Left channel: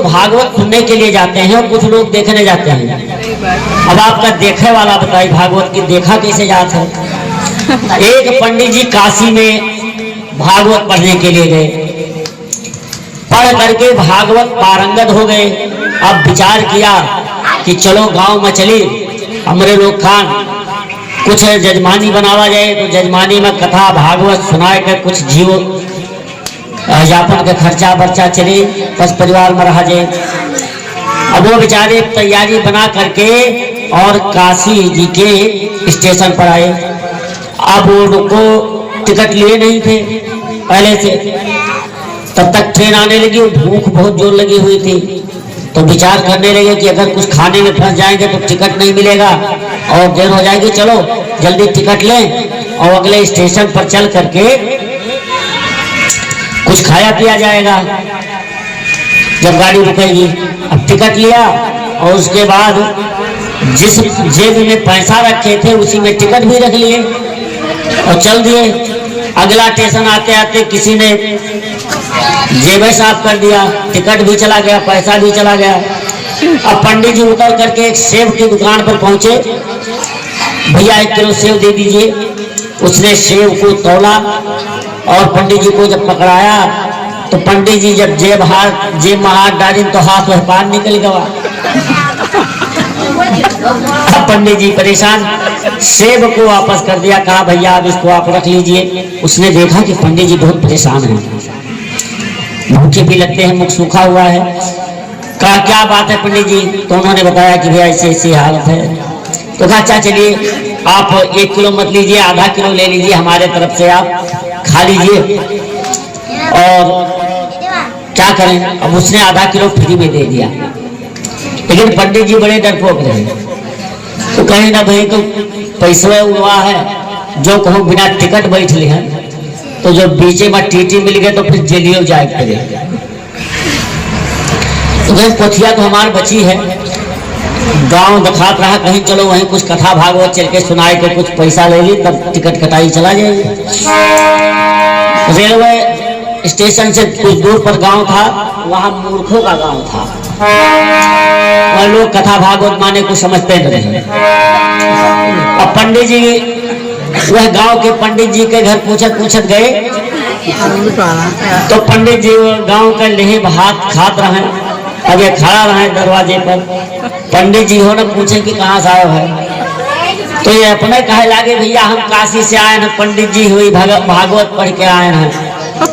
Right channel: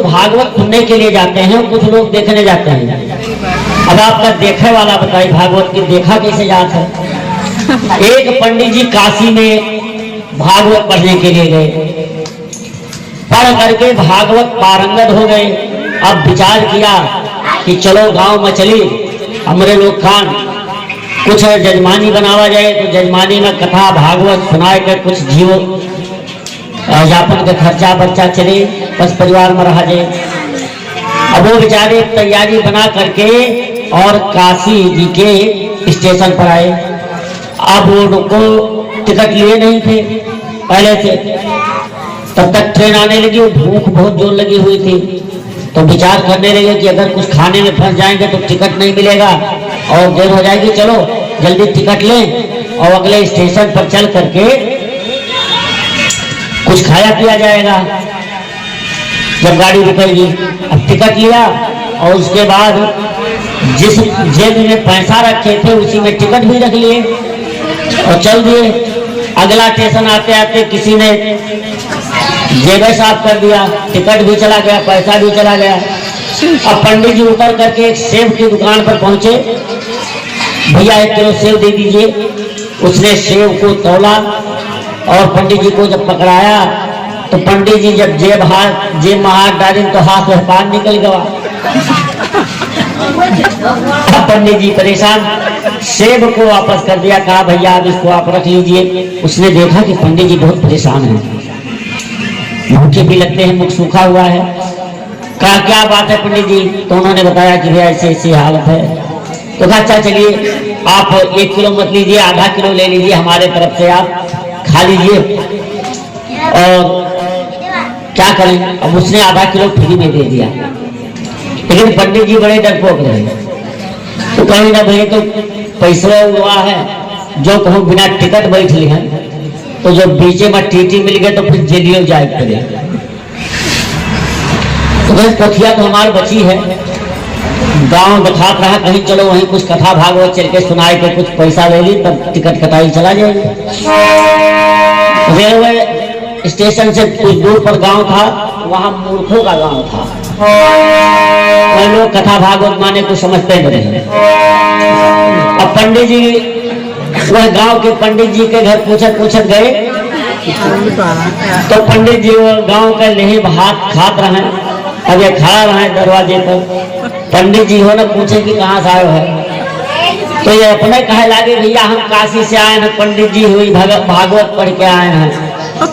लोग भागवत सुनने के लिए जाते हैं और कुछ लोग देखने जाते हैं। अब आपका देखे वाला बताइए भागवत की देखा कैसे जाता है। एक पंडित जी काशी में भागवत पढ़ने के लिए गए, पढ़ करके भागवत पारंगत हो गए। अब विचार किया कि चलो गांव में चली हमरे लोग खान कुछ जजमानी बनावा जाए, तो जजमानी में कथा भागवत सुनाए कर कुछ जीव यापन के खर्चा बर्चा चले, बस परिवार में रहा जाए। अब वो बेचारे तैयारी बना करके और काशी जी के स्टेशन पर आए। अब वो को टिकट लिए नहीं थे पहले से, तब तक ट्रेन आने लगी, भूख बहुत जोर लगी हुई थी। तो विचार करने लगे कि अगर कुछ खाने में फंस जाएंगे तो टिकट नहीं मिलेगा और देर हो जाएगी, चलो जल्दी टिकट लें और अगले स्टेशन पर चल करके कुछ खाया पिया जाएगा जब गाड़ी रुकेगी। अब टिकट लिया और उसके बाद जिस जेब में पैसा रखे थे उसी में टिकट भी रख लिए और चल दिए। अगला स्टेशन आते आते किसी ने जेब साफ कर दिया, टिकट भी चला गया, पैसा भी चला गया। अब पंडित जी उतर करके एक सेब की दुकान पर पहुंचे, भैया 1 किलो सेब दे दीजिए। उसने सेब को तौला और पंडित जी को जब पकड़ाया तो पंडित जी जब जेब में हाथ डाली तो हाथ में पार निकल गया। पंडित जी परेशान, सेब को वापस कर दिया, कहा भैया अब इसको आप रख लीजिए। उसने देखा कि पंडित जी बहुत परेशान हैं, भूखे भी लगते हैं, मुख सूखा हुआ है। कहा क्या बात है पंडित जी? तो उन्होंने बताया कि भैया ऐसी ऐसी हालत है। तो कहा अच्छा चलिए आप 1 किलो मत लीजिए, आधा किलो ले लीजिए, हमारे तरफ से आप खा लीजिए। और क्या करें, अब उसने आधा किलो फ्री में दे दिया। लेकिन पंडित जी बड़े डरपोक रहे, तो कहीं ना भाई तो पैसा हुआ है, जो कहो बिना टिकट बैठ ले हैं, तो जो बीचे में टीटी मिल गए तो फिर जेलियो जाए करे। तो पोथिया तो हमारी बची है, गांव दिखा रहा कहीं चलो वहीं कुछ कथा भागवत चल के सुनाए के कुछ पैसा ले ली, तब टिकट कटाई चला जाएगी। रेलवे स्टेशन से कुछ दूर पर गांव था, वहां मूर्खों का गांव था, वह लोग कथा भागवत माने को समझते नहीं। अब पंडित जी वह गांव के पंडित जी के घर पूछत गए, तो पंडित जी गांव के लेहे भात खात रहे। अब ये खड़ा रहे दरवाजे पर, पंडित जी हो ने पूछे कि कहाँ से आए है? तो ये अपने कहे लागे भैया हम काशी से आए हैं, पंडित जी हुई भागवत पढ़ के आए हैं।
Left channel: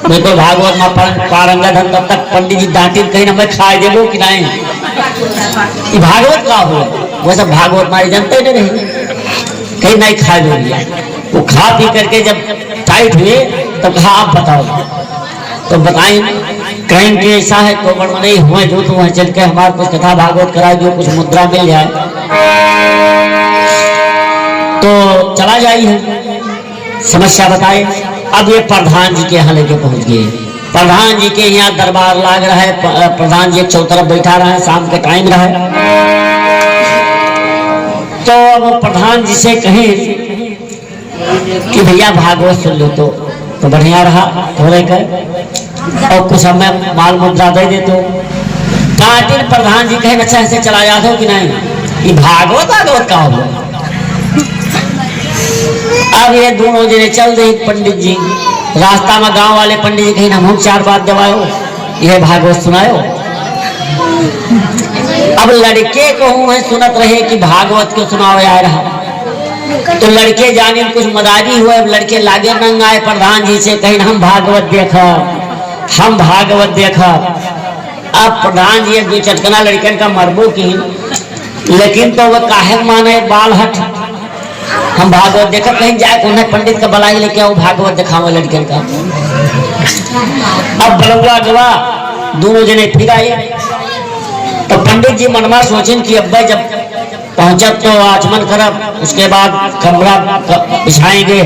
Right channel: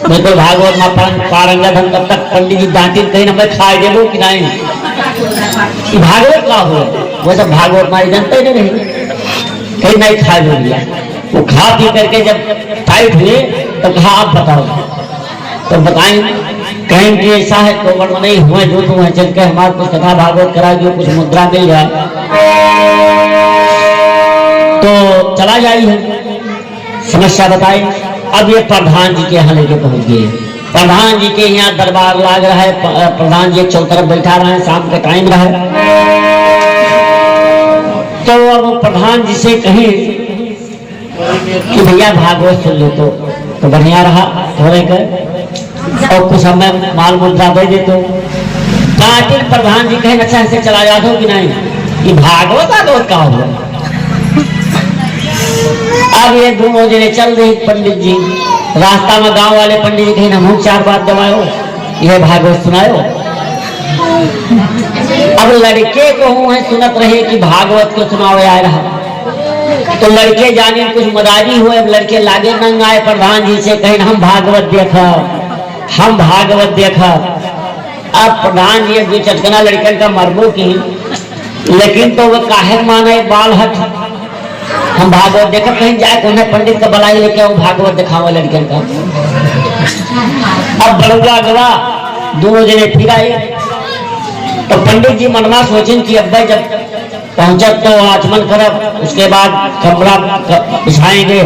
मैं तो भागवत में पारंगत हम, तब तक पंडित जी डांटी कहीं ना मैं खाए देबो कि नहीं, भागवत का हो वैसे भागवत मारी जनते नहीं कहीं नहीं खा दे दिया। वो खा पी करके जब टाइट हुए तब कहा आप बताओ, तो बताएं कहीं कि ऐसा है कोमड़ में नहीं हुए जो तो चल के हमारे कुछ कथा भागवत करा जो कुछ मुद्रा मिल जाए तो चला जाइए, समस्या बताए। अब ये प्रधान जी के यहाँ लेके पहुंच गए। प्रधान जी के यहाँ दरबार लाग रहा है, प्रधान जी चौतरफ बैठा रहा है, शाम का टाइम रहा है। तो अब प्रधान जी से कही कि भैया भागवत सुन लो, तो बढ़िया रहा थोड़े कर और कुछ हमें माल मुद्रा दे दे। तो प्रधान जी कहे अच्छा ऐसे चला जाते हो कि नहीं, ये भागवत का हो। अब ये दोनों जने चल रहे पंडित जी, रास्ता में गांव वाले पंडित जी कहीं ना 4 बात दबाओ, यह भागवत सुनाओ। अब लड़के को हम सुनत रहे कि भागवत को सुनाओ आ रहा, तो लड़के जाने कुछ मदारी हुए। अब लड़के लागे नंग आए प्रधान जी से, कहीं हम भागवत देखा, हम भागवत देखा। अब प्रधान जी 2 चटकना लड़कन का मरबो की, लेकिन तो वो काहे माने बाल हट हम भागवत देखा, कहीं जाए तो उन्हें पंडित का बुलाई लेके आओ भागवत दिखाओ लड़के का। अब बड़ुआ गवा दोनों जने फिर आए, तो पंडित जी मनवा सोचें कि अब जब पहुंचा तो आचमन करब, उसके बाद कमरा बिछाएंगे,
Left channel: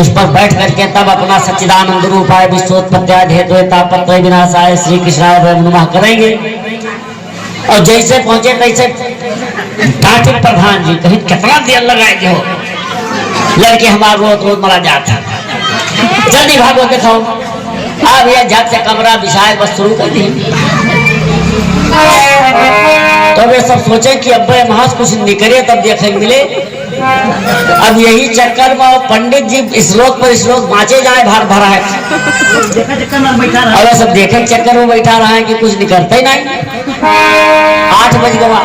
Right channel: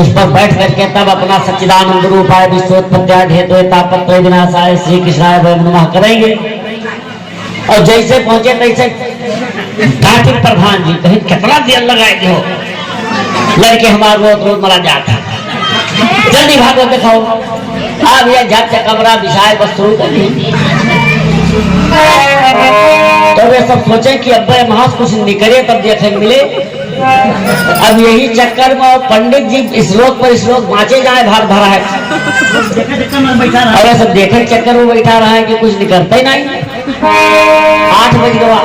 उस पर बैठ करके तब अपना सच्चिदानंद रूपाय विश्वोत्पत्त्यादि हेतु तापत्रय विनाशाय श्री कृष्णाय नमः करेंगे। और जैसे पहुंचे तैसे डांटे प्रधान जी, कहीं कितना देर लगाएंगे हो, लड़के हमारा रोज मरा जाता, जल्दी भागो दिखाओ। अब ये झट से कमरा बिछाए बस शुरू कर दिए। सब सोचे कि अब वहां कुछ निकले तब देखने को मिले। अब यही चक्कर में पंडित जी श्लोक पर श्लोक बाँचे जाए भाग धरा है, अरे सब देखे चक्कर में बैठा रहा है कि कुछ निकलता ही नहीं। 8 बज गया,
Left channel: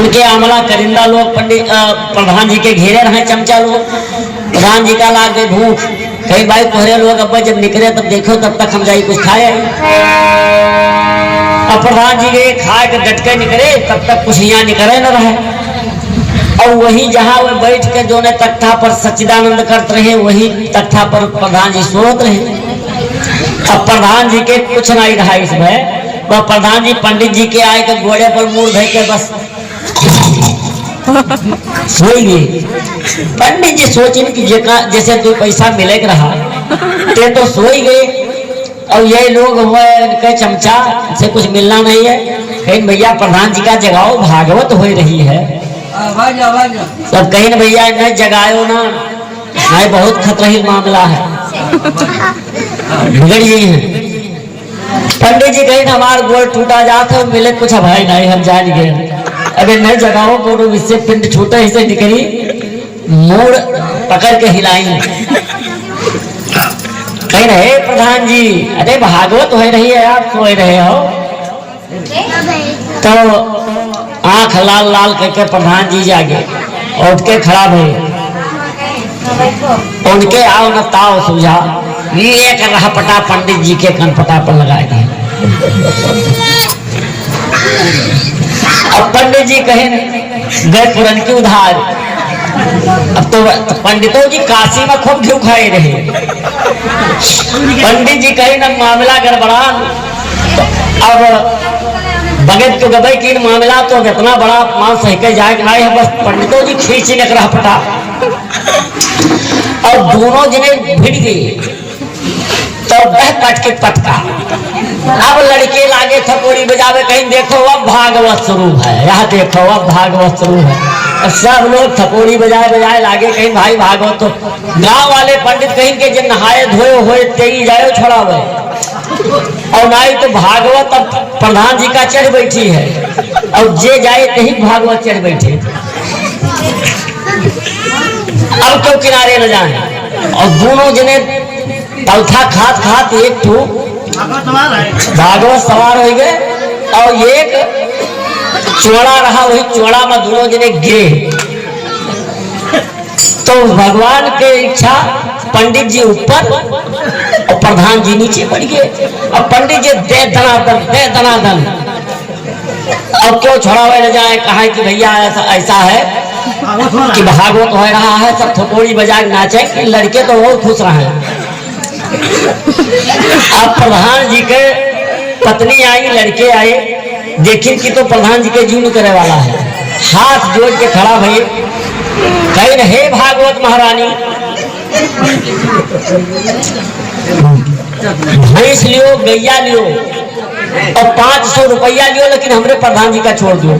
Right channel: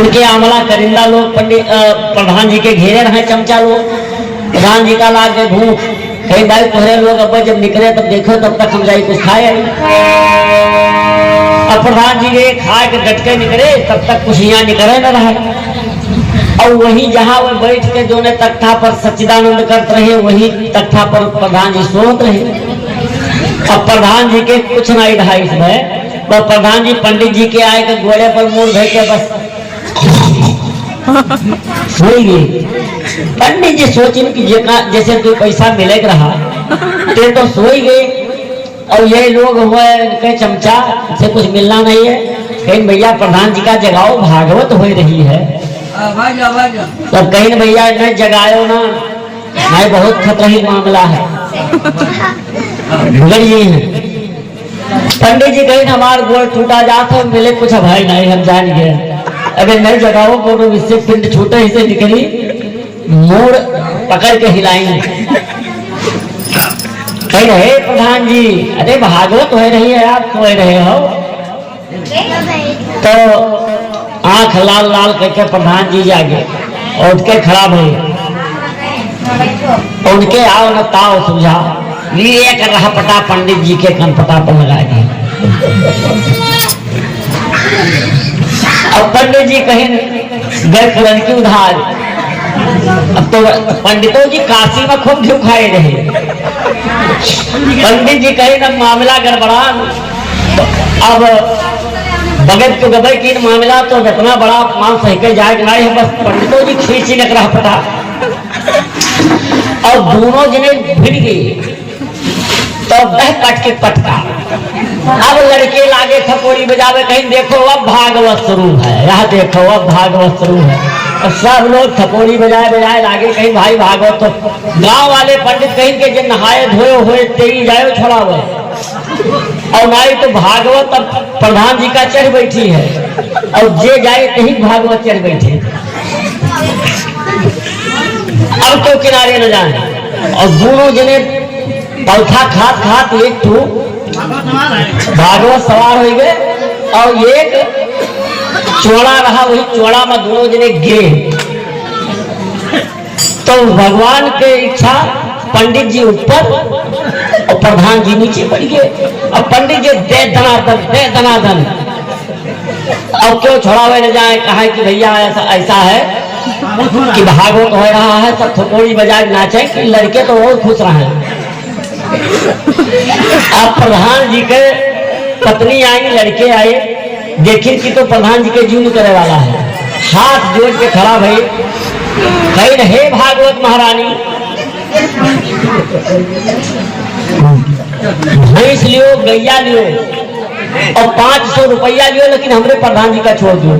उनके आमला करिंदा लोग पंडित प्रधान जी के घेरे रहे, चमचा लोग। प्रधान जी का लागे भूख, कहीं भाई तुम्हारे लोग अब जब निकले तब देखो तब तक हम जाए कुछ खाए। अब प्रधान जी ने खाए के डटके निकले तब तक कुछ यहाँ निकले न रहे। और वही जहाँ वो बैठ के दोनों तख्ता पर सच्चिदानंद करते रहे, वही तख्ता पर प्रधान जी सोच रहे। तब प्रधान जी के कुछ नहीं रहा इसमें, तो प्रधान जी पंडित जी के आए के घोड़े पर मुंह धो के बस सोई गए। पंडित जी सोचिन कि जैसे तू पैसा मिले रहा ते तो सोई गए। और ये लोग हुए उनके चमचा से कुछ मिलना नहीं है, कहीं भैया प्रधान जी का जगाओ भागवत हो रही है। सब कहीं भैया न जगाओ ना, नहीं बहुत खतरही मामला है, बिगड़िए हैं। पंडित जी कहीं हमारा गोड़ टूटा जाते मिले कुछ भाई नहीं, हम जान गए। अबे नहीं जगाओ बोलो, इससे पिंड छूटे इसे निकली, मोड़ पकड़ के हिलाई। कह रहे प्रधान जी अरे भागवत हो रही है, आप सो रहे हो। तो आंख लाल लाल करके प्रधान जी जागे, उठ के खड़ा भई, उनके आओ न ताव सूझा, ये कर रहा पटा पंडित जी के कनपटा पर लगा के। अब पंडित जी कहीं गए किरण की उधार। अब तो पंडितों जी काशी में खूब घी खाए रहे। पंडित जी कहीं ना मामला गड़बड़ा। अब बगैर के गबई की मामला तो जितना बड़ा मान सही के जाएगा नहीं है, बस पंडितों जी खींची निकल रहा पटा। और दोनों जने भिड़ गए तो वह पट के पटका। अब लड़के लागे थपोड़ी बजावे, कहीं देखो अब भागवत शुरू है, यहाँ देखो अब भागवत शुरू है। सब लोग थपोड़ी बजाए बजाए लागे, कहीं भाई भागवत। तो गांव वाले पंडित कहीं के जिन नहाए धोए हुए तेरी जाए छोड़ावे, और नहीं तो भागवत अब प्रधान जी का चढ़ बैठी है, और जे जाए कहीं भागवत चढ़ बैठे। अब क्यों किनारे न जाए। और दोनों जने पौथा खात खात एक तो भागवत सवार हो गए, और एक चोड़ा रहा, वही चोड़ा में दोनों जने गिरे। तो भगवान के इच्छा पंडित जी ऊपर और प्रधान जी नीचे पड़ गए। अब पंडित जी दे दनादन। अब क्यों छुड़ावे न जाए, कहा कि भैया ऐसा है कि भागवत हो रहा है, सब थोड़ी बजाए नाचे, कि लड़के तो बहुत खुश रहे। अब प्रधान जी के पत्नी आई, लड़के आए, देखिए कि तो प्रधान जी के जीवन करे वाला है। हाथ जोड़ के खड़ा भई, कहीं न हे भागवत महारानी, भैंस लियो गैया लियो और 500 रुपया लियो, लेकिन हमरे प्रधान जी का छोड़ दो।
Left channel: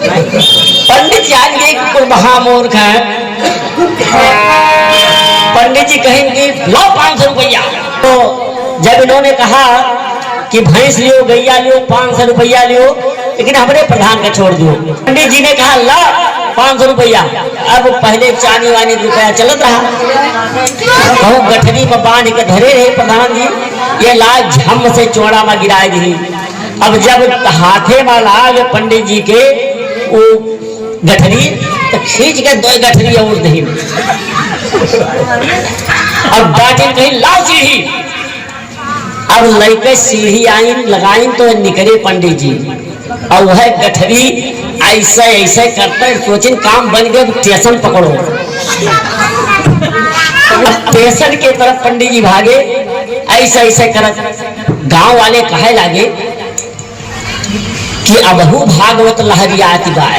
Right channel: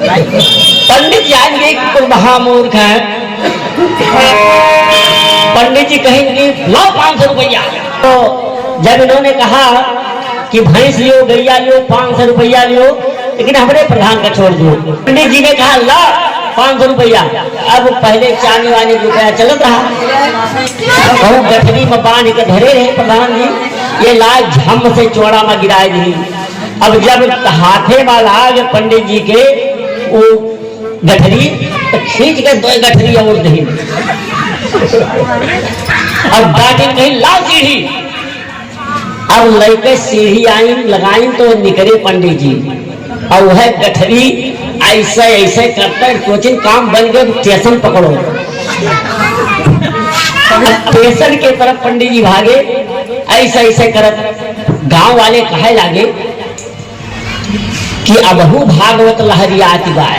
पंडित जाएंगे कि कोई महामूर्ख है। पंडित जी कहेंगे लो 500 रुपया। तो जब इन्होंने कहा कि भैंस लियो गैया लियो 500 रुपया लियो, लेकिन हमारे प्रधान का छोड़ दो। पंडित जी ने कहा ला 500 रुपया। अब पहले चानी वानी रुपया चलत रहा, बहुत गठरी में बांध के धरे रहे प्रधान जी, ये लाज झम से चौड़ा में गिराए दी। अब जब हाथे में लाग पंडित जी के वो गठरी, तो खींच के 2 गठरी और दही। अब डांटे कहीं ला सीढ़ी। अब लड़के सीढ़ी आई लगाई तो निकले पंडित जी, और वह गठरी ऐसा ऐसे करते सोचिन काम बन गए, स्टेशन पकड़ो। स्टेशन के तरफ पंडित जी भागे, ऐसा ऐसे करत। गांव वाले कहे लागे कि अबहू भागवत लहरियात बाय,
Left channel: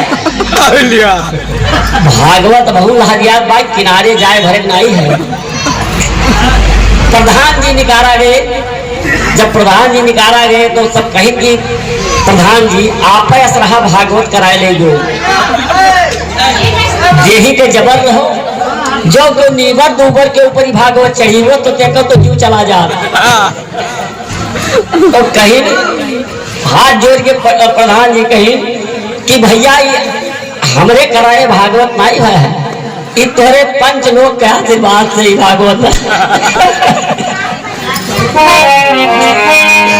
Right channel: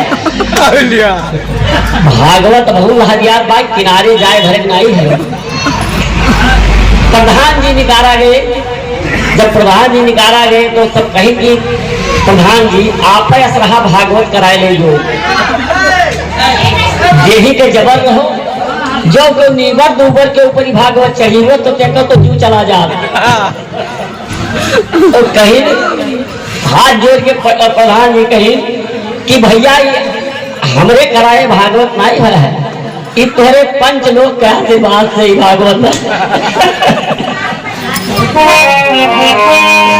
भागवत बहु लहरियात बाय, किनारे जाए भरे नहीं है। प्रधान जी निकाला गए। जब प्रधान जी निकाला गए तो सब कहेंगे प्रधान जी आप रहा भागवत कराए ले जो यही के जबर रहो, जो कोई नीबर दूबर के ऊपर ही भागवत चाहिए तो कहकर तो जू चला जा। तो कहीं हाथ जोड़ के प्रधान जी कहीं कि भैया हमरे कराए भागवत नहीं है, ये तोरे पंच लोग के आशीर्वाद से ही भागवत है।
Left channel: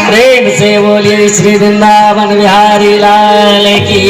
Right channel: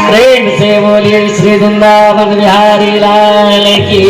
प्रेम से बोलिए श्री वृंदावन बिहारी लाल की।